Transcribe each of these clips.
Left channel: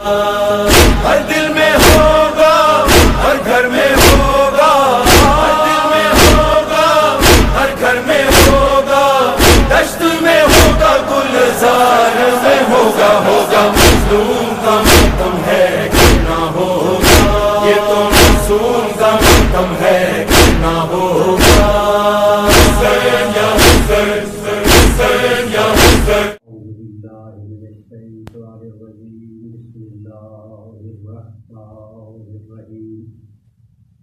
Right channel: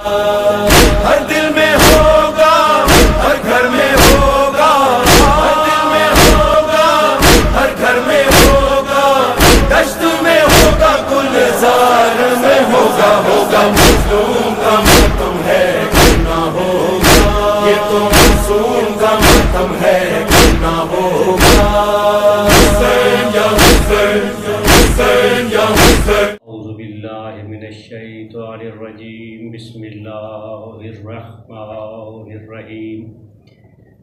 ہر دل میں ہوگا، ہر گھر میں ہوگا، ہر دل میں ہوگا، ہر گھر میں ہوگا، دشت میں ہوگا، گلزار میں ہوگا، ہوگا مظلوم کا ماتم ہے کہ نہ ہوگا، یہ تو معصوم کا ماتم ہے کہ نہ ہوگا۔ اعوذ باللہ من الشیطان الرجیم، بسم اللہ الرحمن الرحیم،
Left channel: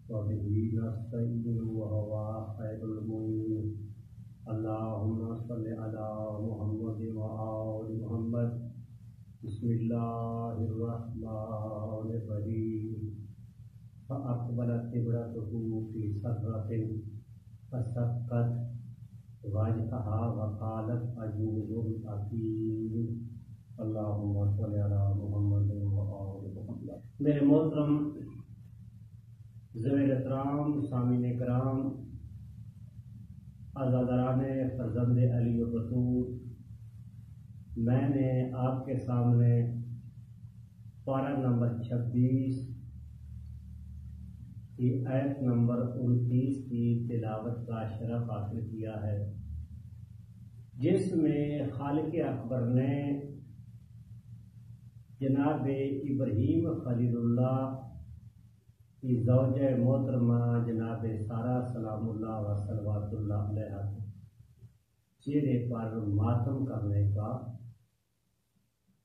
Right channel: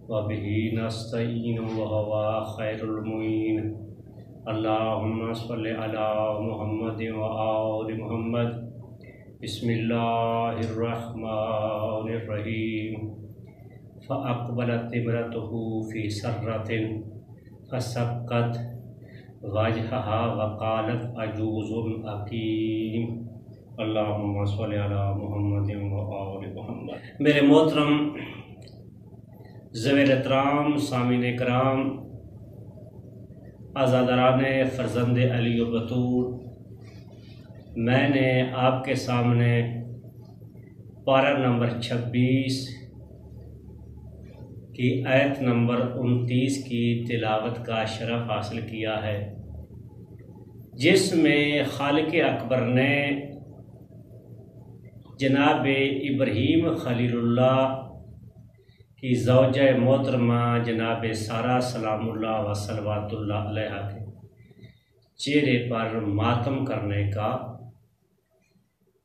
وبہ نستعین وہو خیر المعین، اللہم صل علی محمد وآل محمد، بسم اللہ الرحمن الرحیم۔ فاقبلت امرأته فی سرۃ فسقت وجہها وقالت عجوز عقیم، اللہم صل علی محمد وآل محمد۔ میرے محترم ذوی الاحترام سامعین کرام، عزاداران فرزند علی و بطول، میں نے آپ کے سامنے پارہ نمبر 26 کی آیت نمبر 29 کی تلاوت کا شرف حاصل کیا ہے، جس میں خالق اکبر نے جناب ابراہیم خلیل اللہ کی زوجہ محترمہ جناب سارہ سلام اللہ و صلوات اللہ علیہا کے چہرے پر ماتم کرنے کا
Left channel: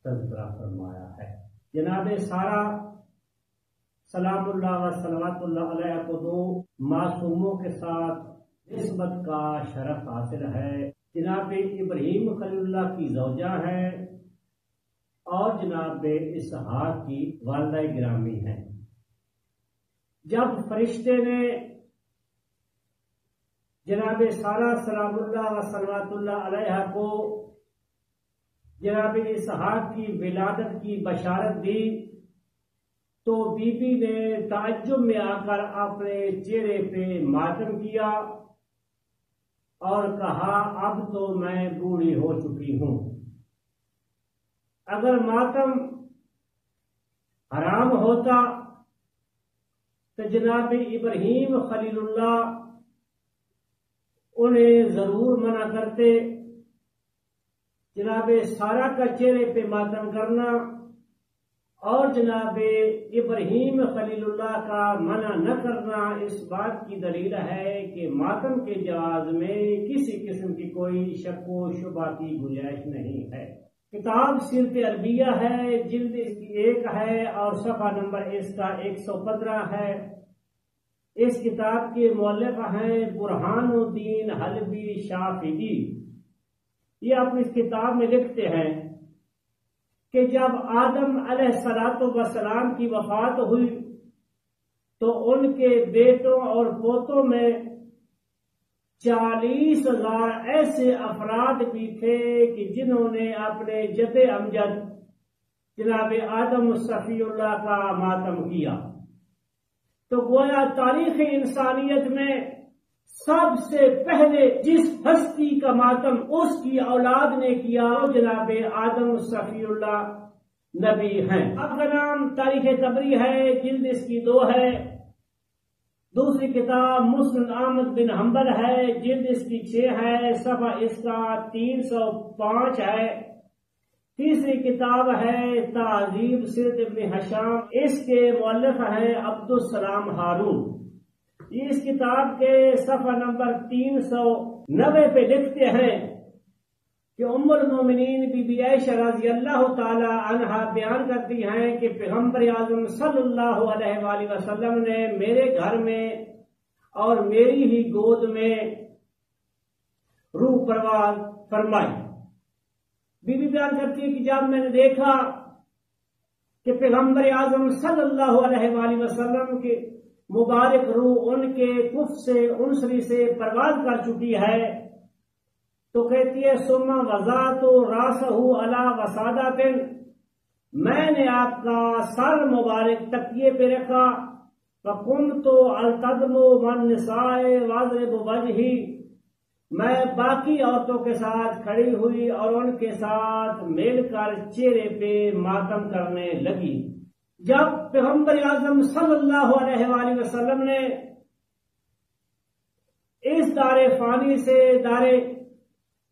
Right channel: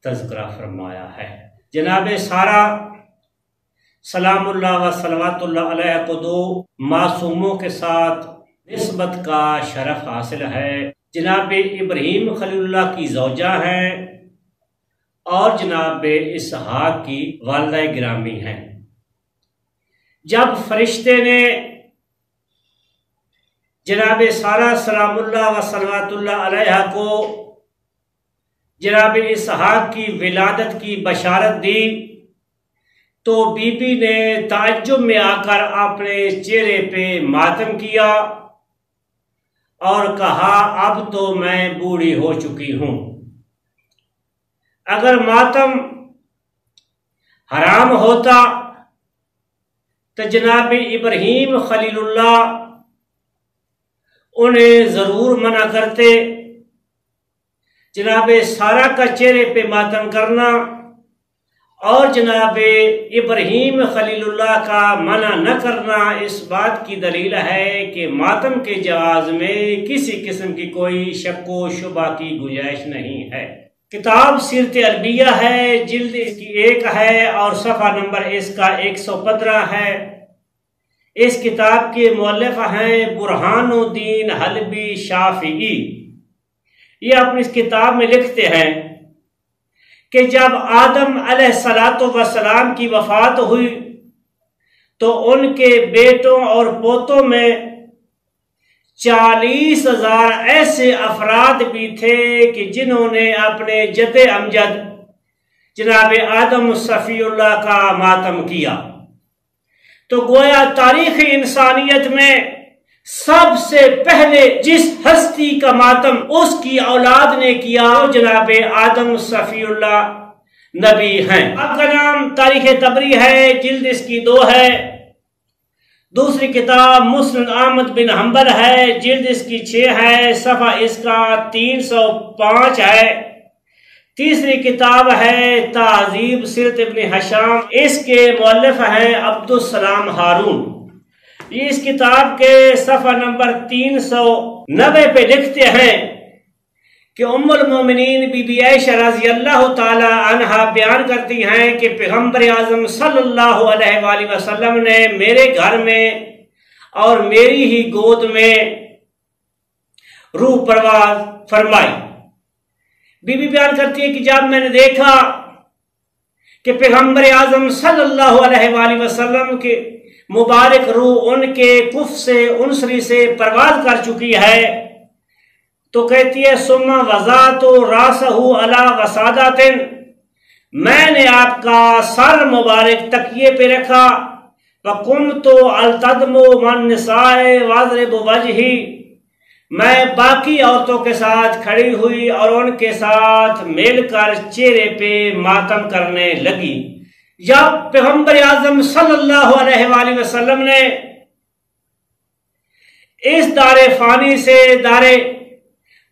تذکرہ فرمایا ہے۔ جناب سارہ سلام اللہ و صلوات اللہ علیہ کو دو معصوموں کے ساتھ نسبت کا شرف حاصل ہے۔ جناب ابراہیم خلیل اللہ کی زوجہ ہیں اور جناب اسحاق کی والدہ گرامی ہیں۔ جب فرشتے نے جناب سارہ سلام اللہ و صلوات اللہ علیہ کو جناب اسحاق کی ولادت کی بشارت دی تو بی بی نے تعجب میں آ کر اپنے چہرے پہ ماتم کیا اور کہا، اب تو میں بوڑھی ہو چکی ہوں۔ اگر ماتم حرام ہوتا تو جناب ابراہیم خلیل اللہ انہیں ضرور منع کرتے۔ جناب سارہ کا چہرے پہ ماتم کرنا اور جناب ابراہیم خلیل اللہ کا منع نہ کرنا اس بات کی دلیل ہے کہ ماتم کے جواز میں کسی قسم کی کوئی شک و شبہ کی گنجائش نہیں ہے۔ کتاب سیرت عربیہ ہے، جلد اس کی 1 ہے اور صفحہ نمبر اس کا 115 ہے۔ اس کتاب کے مؤلف ہیں برہان الدین حلبی شافعی۔ یہ اپنی اس کتاب میں لکھتے ہیں کہ جب آدم علیہ السلام کی وفات ہوئی تو ان کے بیٹوں اور پوتوں میں 40,000 ایسے افراد بھی تھے کہ جنہوں نے اپنے جد امجد جناب آدم صفی اللہ کا ماتم کیا۔ تو گویا تاریخ انسانیت میں سب سے پہلے جس ہستی کا ماتم اس کی اولاد نے کیا جناب آدم صفی اللہ نبی ہیں۔ آپ کا نام تاریخ طبری ہے، جلد اس کی 2 ہے۔ دوسری کتاب مسند احمد بن حنبل ہے، جلد اس کی 6 ہے، صفحہ اس کا 305 ہے۔ تیسری کتاب ہے تہذیب سیرت ابن ہشام، اس کے مؤلف ہیں عبدالسلام ہارون۔ یہ اس کتاب کے صفحہ نمبر 390 پہ لکھتے ہیں کہ ام المومنین بی بی عائشہ رضی اللہ تعالی عنہا بیان کرتی ہیں کہ پیغمبر اعظم صلی اللہ علیہ وآلہ وسلم نے میرے گھر میں اور میری ہی گود میں روح پرواز فرمائی۔ بی بی بیان کرتی ہے کہ جب میں نے دیکھا کہ پیغمبر اعظم صلی اللہ علیہ وآلہ وسلم کے مبارک روح ان کے کف سے انصری سے پرواز کر چکی ہے تو کہتی ہے ثم وضعت راسہ علی وسادۃ، میں نے آپ کا سر مبارک تکیے پہ رکھا، وقمت التدم من نساء واضرب وجہی، میں باقی عورتوں کے ساتھ کھڑی ہوئی اور ان کے ساتھ مل کر چہرے پہ ماتم کرنے لگی۔ جب پیغمبر اعظم صلی اللہ علیہ وآلہ وسلم نے اس دار فانی سے دار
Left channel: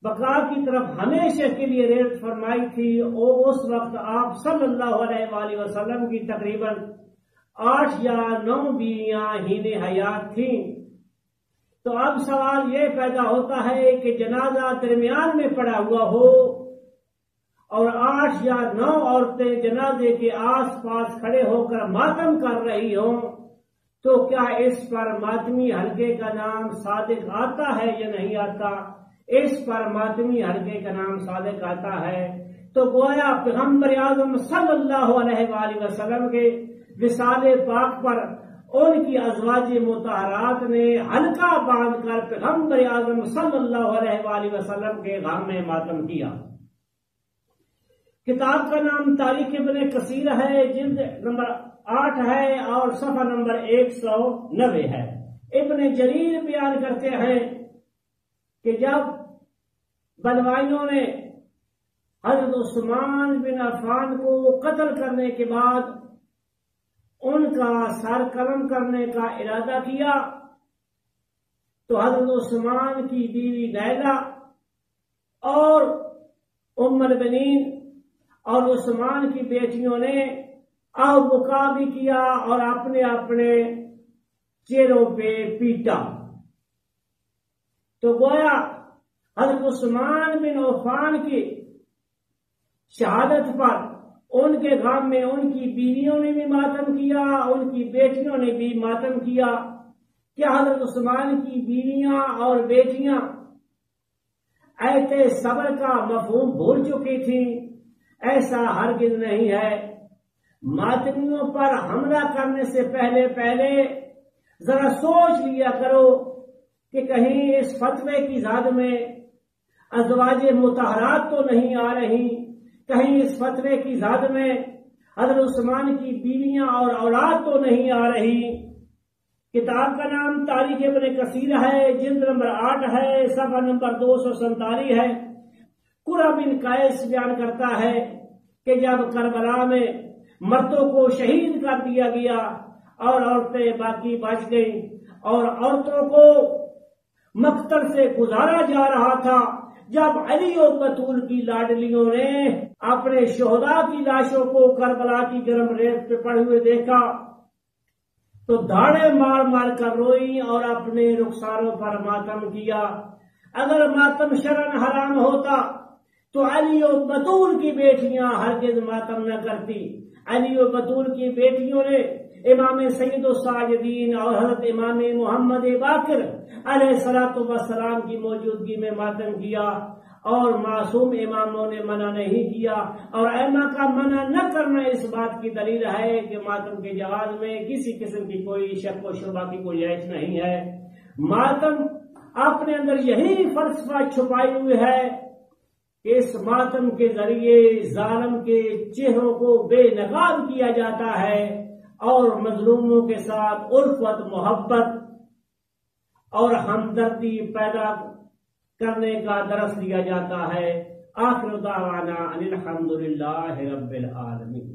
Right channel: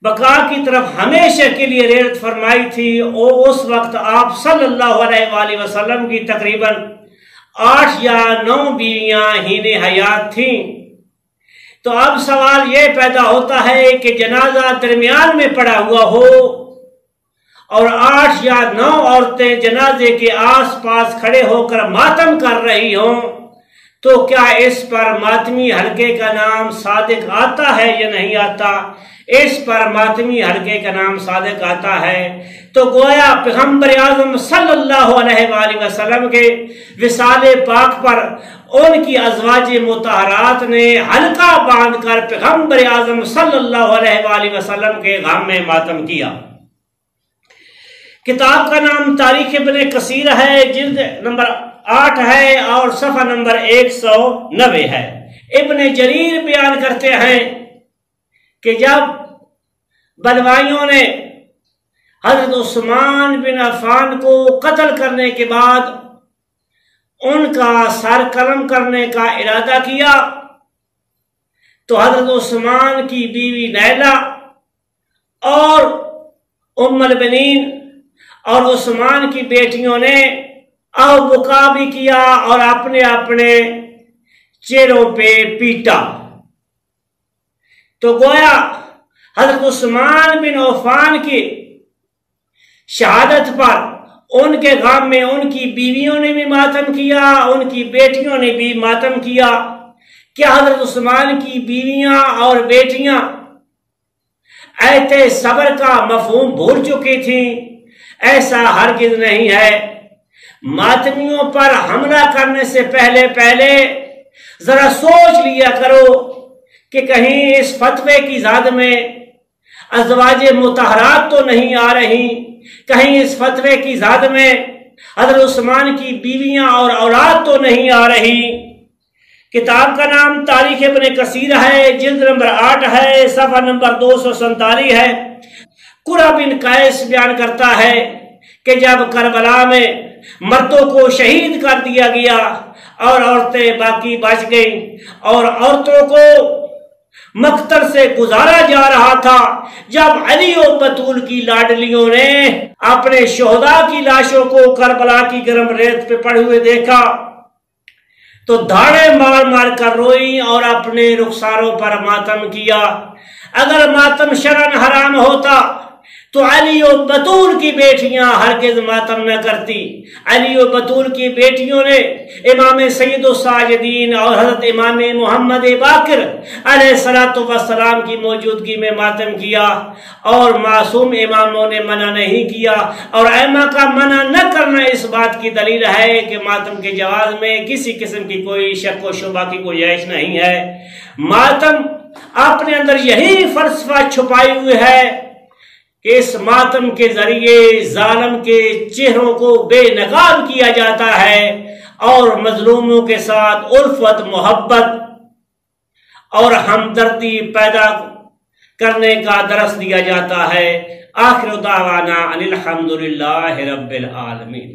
بقا کی طرف ہمیشہ کے لیے ریت فرمائی تھی، اس وقت آپ صلی اللہ علیہ وآلہ وسلم کی تقریباً 8 یا 9 بیویاں ہین حیات تھیں۔ تو اب سوال یہ پیدا ہوتا ہے کہ جنازہ درمیان میں پڑا ہوا ہو اور 8 یا 9 عورتیں جنازے کے آس پاس کھڑے ہو کر ماتم کر رہی ہوں، تو کیا اس پر ماتمی حلقے کا نام صادق آتا ہے یا نہیں آتا؟ اس پر ماتمی حلقے کا نام صادق آتا ہے۔ تو گویا پیغمبر اعظم صلی اللہ علیہ وآلہ وسلم کے وصال پاک پر ان کی ازواج مطہرات نے حلقہ باندھ کر پیغمبر اعظم صلی اللہ علیہ وآلہ وسلم کے غم میں ماتم کیا۔ کتاب کا نام تاریخ ابن کثیر ہے، جلد نمبر 8 ہے اور صفحہ نمبر 190 ہے۔ ابن جریر بیان کرتے ہیں کہ جب بلوائیوں نے حضرت عثمان بن عفان کو قتل کرنے کے بعد ان کا سر قلم کرنے کا ارادہ کیا، تو حضرت عثمان کی بیوی نیلہ اور ام البنین اور عثمان کی بیٹیوں نے بکا بھی کیا اور اپنے اپنے چہروں پہ پیٹا۔ تو گویا حضرت عثمان بن عفان کی شہادت پر ان کے غم میں ان کی بیویوں نے بھی ماتم کیا، ان کی بیٹیوں نے بھی ماتم کیا۔ کیا حضرت عثمان کی بیویاں اور بیٹیاں ایت صبر کا مفہوم بھول چکی تھیں؟ ایسا ہرگز نہیں ہے۔ ماتمیوں پر حملہ کرنے سے پہلے ذرا سوچ لیا کرو کہ کہیں اس فتوے کی زاد میں ازواج مطہرات تو نہیں آ رہی، کہیں اس فتوے کی زاد میں حضرت عثمان کی بیویاں اور اولاد تو نہیں آ رہی۔ کتاب کا نام تاریخ ابن کثیر ہے، جلد نمبر 8 ہے، صفحہ نمبر 247 ہے۔ قرہ بن قیس بیان کرتا ہے کہ جب کربلا میں مردوں کو شہید کر دیا گیا اور عورتیں باقی بچ گئیں اور عورتوں کو مقتل سے گزارا جا رہا تھا، جب علی و بطول کی لاڈلیوں نے اپنے شہداء کی لاشوں کو کربلا کی گرم ریت پہ پڑے ہوئے دیکھا تو دھاڑے مار مار کر روئی اور اپنے رخساروں پر ماتم کیا۔ اگر ماتم شرعاً حرام ہوتا تو علی و بطول کی بیٹیاں ہرگز ماتم نہ کرتی۔ علی و بطول کی بیٹیوں نے امام سید الساجدین اور حضرت امام محمد باقر علیہ السلام کی موجودگی میں ماتم کیا، اور معصوم اماموں نے منع نہیں کیا، اور ائمہ کا منع نہ کرنا اس بات کی دلیل ہے کہ ماتم کے جواز میں کسی قسم کی کوئی شک و شبہ کی گنجائش نہیں ہے۔ ماتم اپنے اندر یہی فلسفہ چھپائی ہوئی ہے کہ اس ماتم کے ذریعے ظالم کے چہروں کو بے نقاب کیا جاتا ہے اور مظلوموں کے ساتھ الفت، محبت اور ہمدردی پیدا کرنے کا درس دیا جاتا ہے۔ آخر دعوانا ان الحمدللہ رب العالمین۔